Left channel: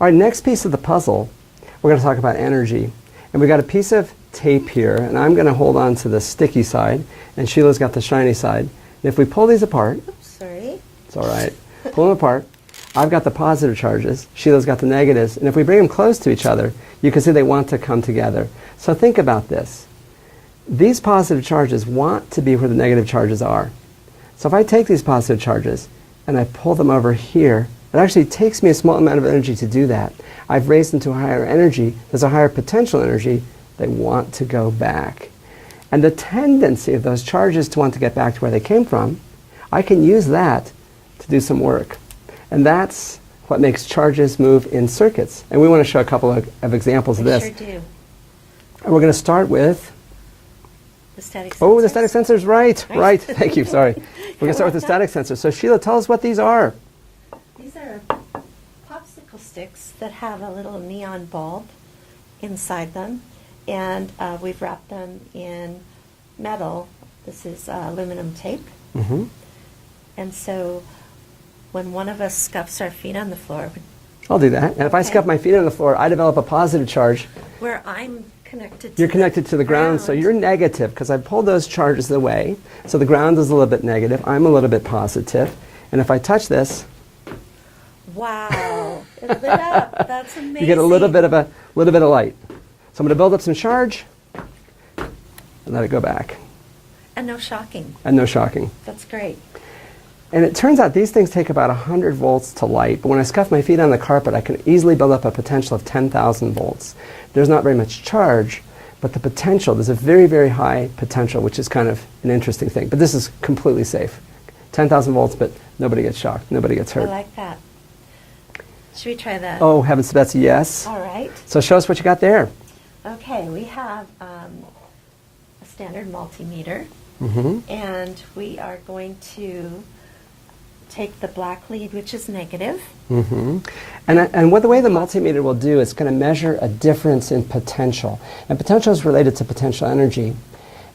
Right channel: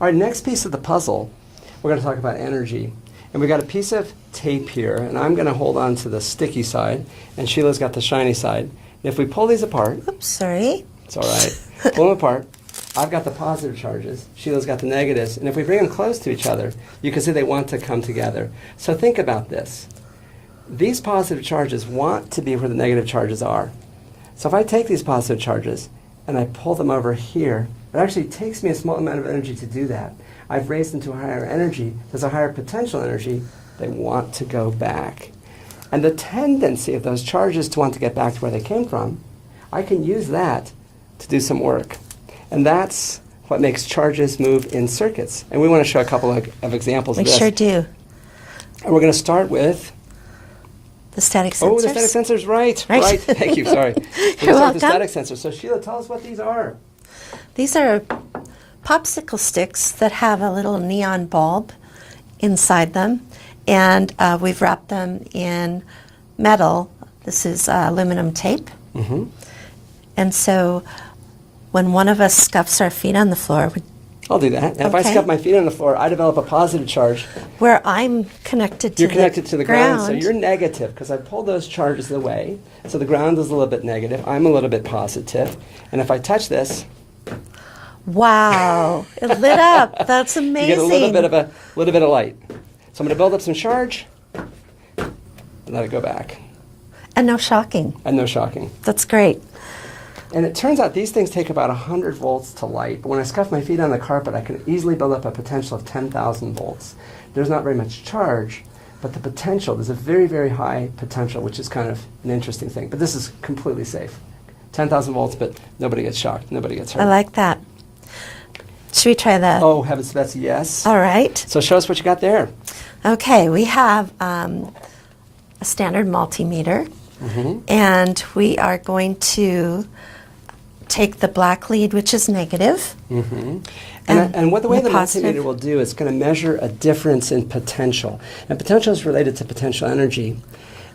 All right, next piece of the puzzle, we're going to talk about energy. And we got a piece of tape here, and I'm going to hold on to the sticky side, and Sheila's got the shiny side. And if we pull these apart, Oops, sorry. it's all right. Pull them apart. I've got the positive charges. Sheila's got the negatives. And if we bring them close to each other, you can see they want to come together. So think about this. These positive charges want to be where the negative charges are. So if I take these positive charges and I pull them over here, it actually takes me a small amount of energy to do that. I've raised them to a higher energy. There's a higher potential energy. They want to go back. And the tendency of those charges to want to get back to where they came from, I can use that to do some work. And that's what makes charges move in circuits. And we want to show a couple of examples of We this. sure do. And we're going to start with... The static sensors. Oh, the static sensors, right. Right. Thank you, sorry. We're going to start with the welcome. static sensor. So Sheila, tell us what these are. These are popsicle sticks that have a little neon bulb inside them. And we've wrapped them in metal. This is aluminum tape. Mm-hmm. And so when one of us scuffs our feet on the floor, I'll do that. And if I Okay. scuff my feet on the floor, I develop a positive charge. where I'm connected to You're connected to the ground, so ground. you're negative because I pulled those charges away. So the ground is a little bit negative. I'm a little bit positive. And if I touch this, Wow, it lit up. That's amazing. you get a little bit of light. So I'm going to build up some charge and let it go back. And no shocking. And no shocking. That's great. And it turns out these things take about 100 volts to light, but when I scuff my feet on the carpet, I can easily build up a potential of 10,000 volts. There's not very much charge, but the potential, there's a very, very high potential, which is kind of an interesting thing. But this is completely safe. 10,000 volts, but nobody gets shocked, nobody gets hurt. I like that. Should we try that? Oh, heavens to Betsy, yes. All right. So show us what you got there. Okay, we have a standard multimeter, and we are going to take the black lead, which is negative. And what the way the positive. multimeter will do is going to measure a difference in potential. And potential is related to potential energy.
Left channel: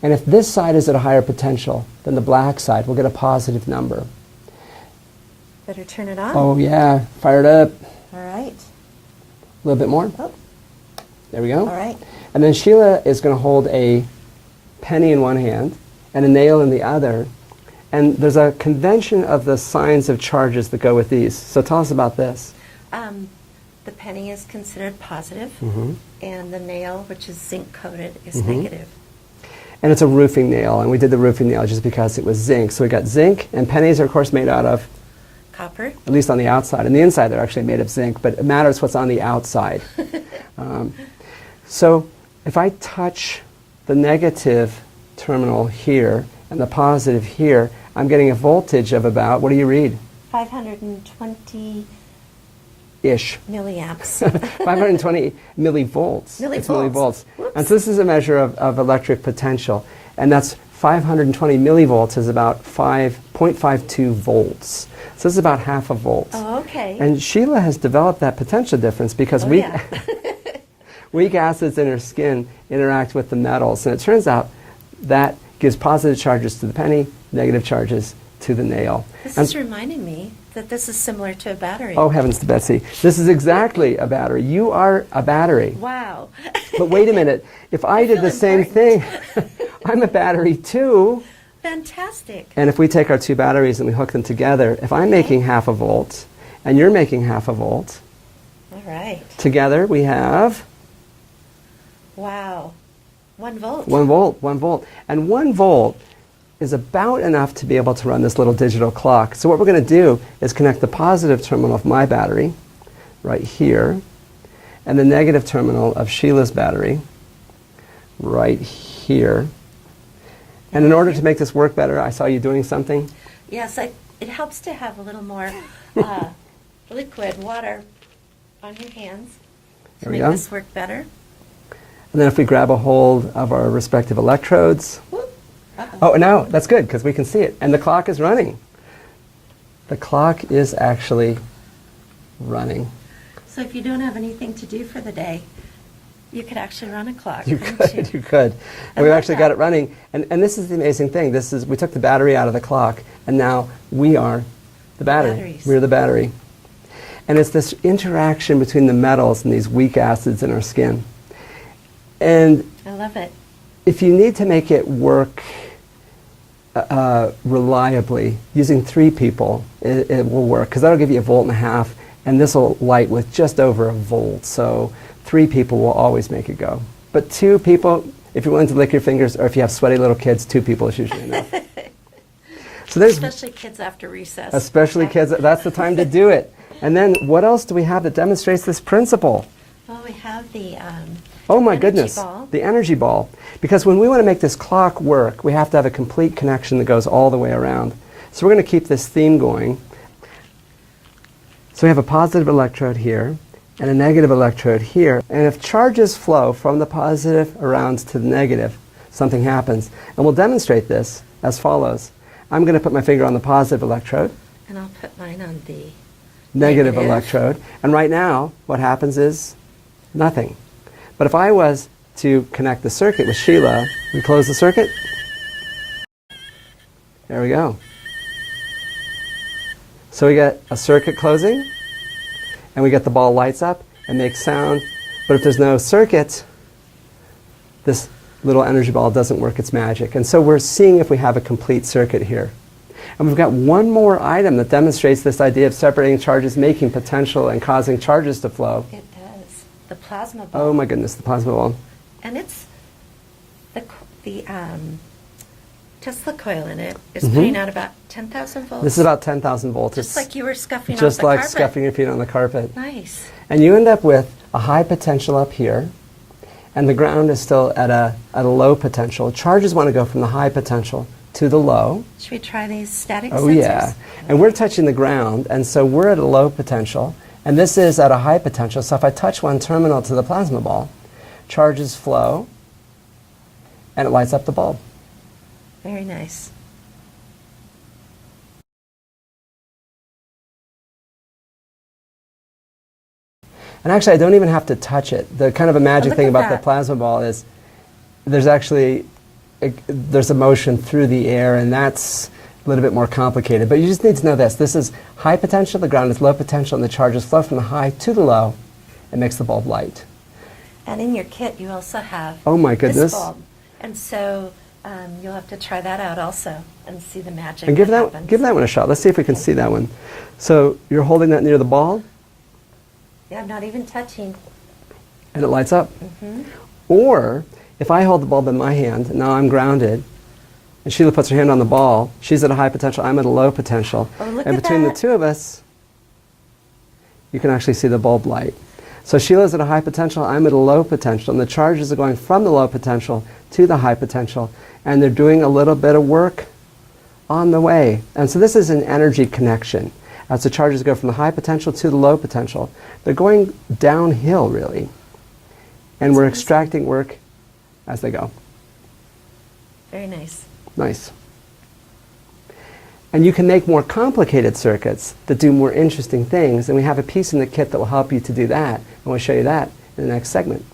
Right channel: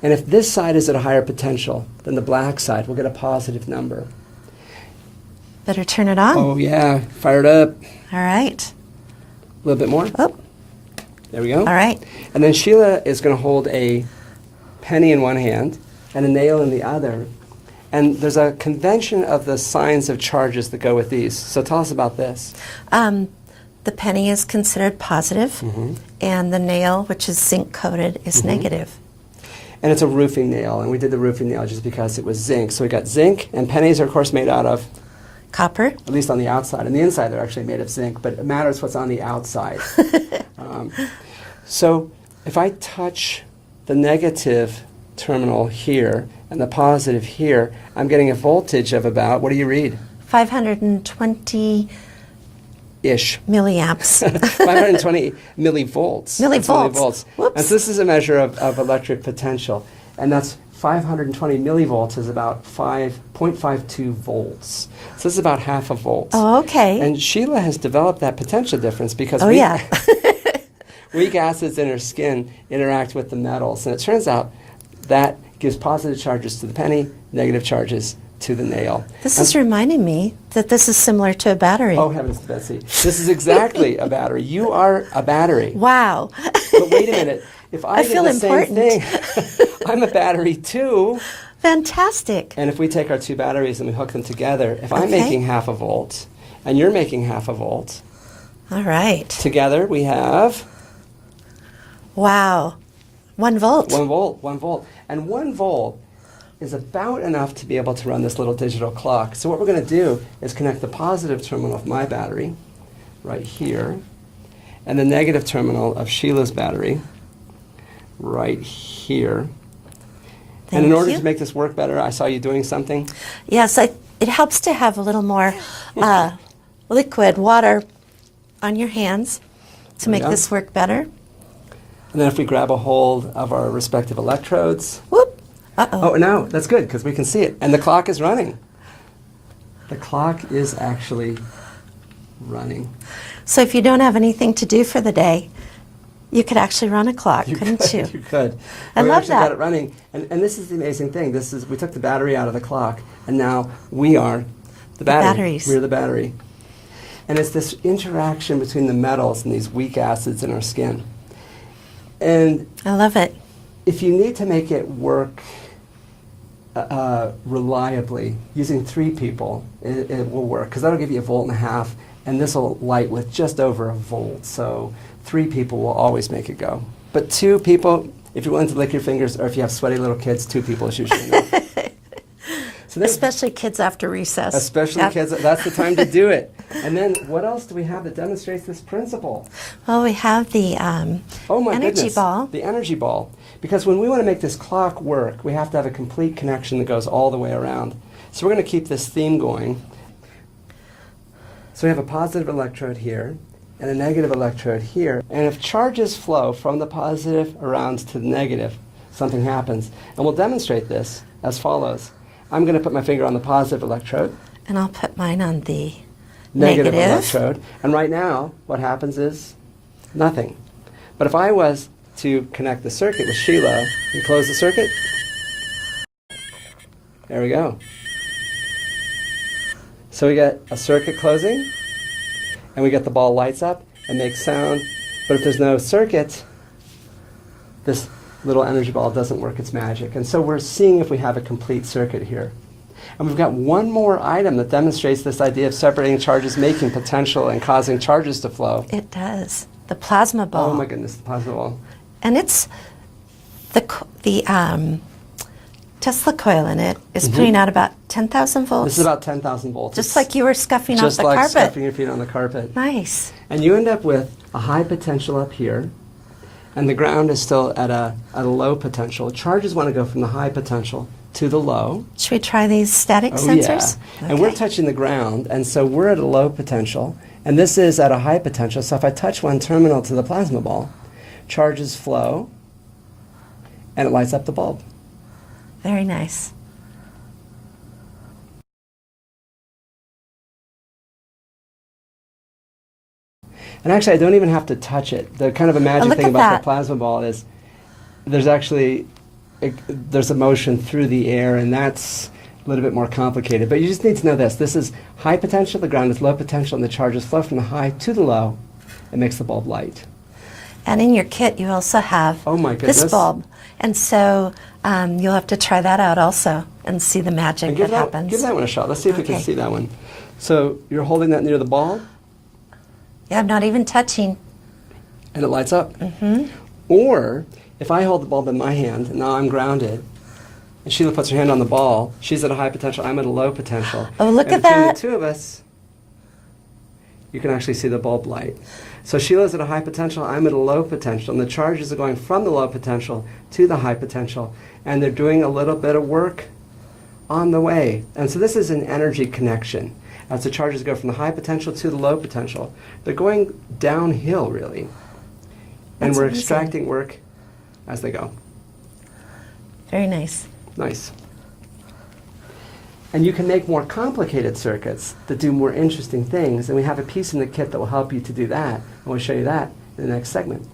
And if this side is at a higher potential than the black side, we'll get a positive number. Better turn it on. Oh, yeah. Fire it up. All right. A little bit more. Oh, There we go. all right. And then Sheila is going to hold a penny in one hand and a nail in the other. And there's a convention of the signs of charges that go with these. So tell us about this. The penny is considered positive, and the nail, which is zinc coated, is negative. And it's a roofing nail. And we did the roofing nail just because it was zinc. So we got zinc, and pennies are, of course, made out of, Copper. at least on the outside. And the inside, they're actually made of zinc, but it matters what's on the outside. So if I touch the negative terminal here and the positive here, I'm getting a voltage of about, what do you read? 520 Ish. milliamps. 520 millivolts. That's Millivolts. Whoops. And so this is a measure of electric potential. And that's 520 millivolts is about 5.52 volts. So this is about half a volt. Oh, okay. And Sheila has developed that potential difference because Oh, yeah. weak acids in her skin interact with the metals. And it turns out that gives positive charges to the penny, negative charges to the nail. This is reminding me that this is similar to a battery. Oh, heavens to Betsy. This is exactly a battery. You are a battery. Wow. But wait a minute. If I did feel the same important. thing, I'm a battery too. Fantastic. And if we take our two batteries and we hook them together, if I'm Okay. making half a volt and you're making half a volt, All right. together we have Wow. 1 volt. 1 volt, 1 volt. And 1 volt is about enough to be able to run this little digital clock. So what we're going to do is connect the positive terminal of my battery right here and the negative terminal of Sheila's battery right here. And in Thank order you. to make this work better, I saw you doing something. Yes, it helps to have a little more liquid water on your hands to There we make go. this work better. And then if we grab a hold of our respective electrodes. Whoop. Uh-oh. Oh, now that's good because we can see it. And the clock is running. The clock is actually running. So if you don't have anything to do for the day, you could actually run a clock, couldn't you? You could. I And we love actually that. got it running. And this is the amazing thing. We took the battery out of the clock, and now we are the battery. batteries. We're the battery. And it's this interaction between the metals and these weak acids in our skin. And I love it. if you need to make it work reliably, using 3 people, it will work, because that'll give you 1.5 volts, and this will light with just over 1 volt. So 3 people will always make it go. But 2 people, if you're willing to lick your fingers, or if you have sweaty little kids, 2 people is usually enough. So Especially kids after recess. Especially kids, that's the time to do it. And then what else do we have that demonstrates this principle? Well, we have the Oh my energy goodness, ball. the energy ball. Because when we want to make this clock work, we have to have a complete connection that goes all the way around. So we're going to keep this theme going. So we have a positive electrode here and a negative electrode here. And if charges flow from the positive around to the negative, something happens. And we'll demonstrate this as follows. I'm going to put my finger on the positive electrode. And I'll put mine on the Negative negative. electrode. And right now, what happens is nothing. But if I was to connect the circuit with Sheila and close the circuit, there we go. So we get a circuit closing, and we get the ball lights up and makes sound. But if there's no circuit, this little energy ball doesn't work its magic. And so we're seeing if we have a complete circuit here. And we've got one more item that demonstrates this idea of separating charges, making potential, and causing charges to flow. It does. The plasma ball. Oh my goodness, the plasma ball. And it's the Tesla coil in it is putting out about 10,000 volts. This is about 10,000 volts. Just It's like you were scuffing off just the like carpet. scuffing your feet on the carpet. Nice. And you end up with a high potential up here, and the ground is still at a low potential. Charges want to go from the high potential to the low. Should we try these static Oh sensors? yeah. And we're Okay. touching the ground, and so we're at a low potential, and this is at a high potential. So if I touch one terminal to the plasma ball, charges flow, and it lights up the bulb. Very nice. And actually, I don't even have to touch it. The kind of a magic look thing at about that. the plasma ball is there's actually there's a motion through the air, and that's a little bit more complicated. But you just need to know this. This is high potential, the ground is low potential, and the charges flow from the high to the low. It makes the bulb light. And in your kit, you also have Oh my goodness. this bulb. And so you'll have to try that out also and see the magic And that happens. give that one a shot. Let's see if we can Okay. see that one. So you're holding that near the ball, Yeah, I'm not even touching. and it lights up. Or if I hold the bulb in my hand, now I'm grounded, and Sheila puts her hand on the ball, she's at a high potential, I'm at a low potential. Oh, look and at between that. the two of us, you can actually see the bulb light. So Sheila's at a high potential, I'm at a low potential, and the charges are going from the low potential to the high potential, and they're doing a little bit of work on the way. And so this is an energy connection. As the charges go from the high potential to the low potential, they're going downhill, really. And That's we're amazing. extracting work as they go. Very nice. Nice. And you can make more complicated circuits that do more interesting things, and we have a piece in the kit that will help you to do that, and we'll show you that in the next segment.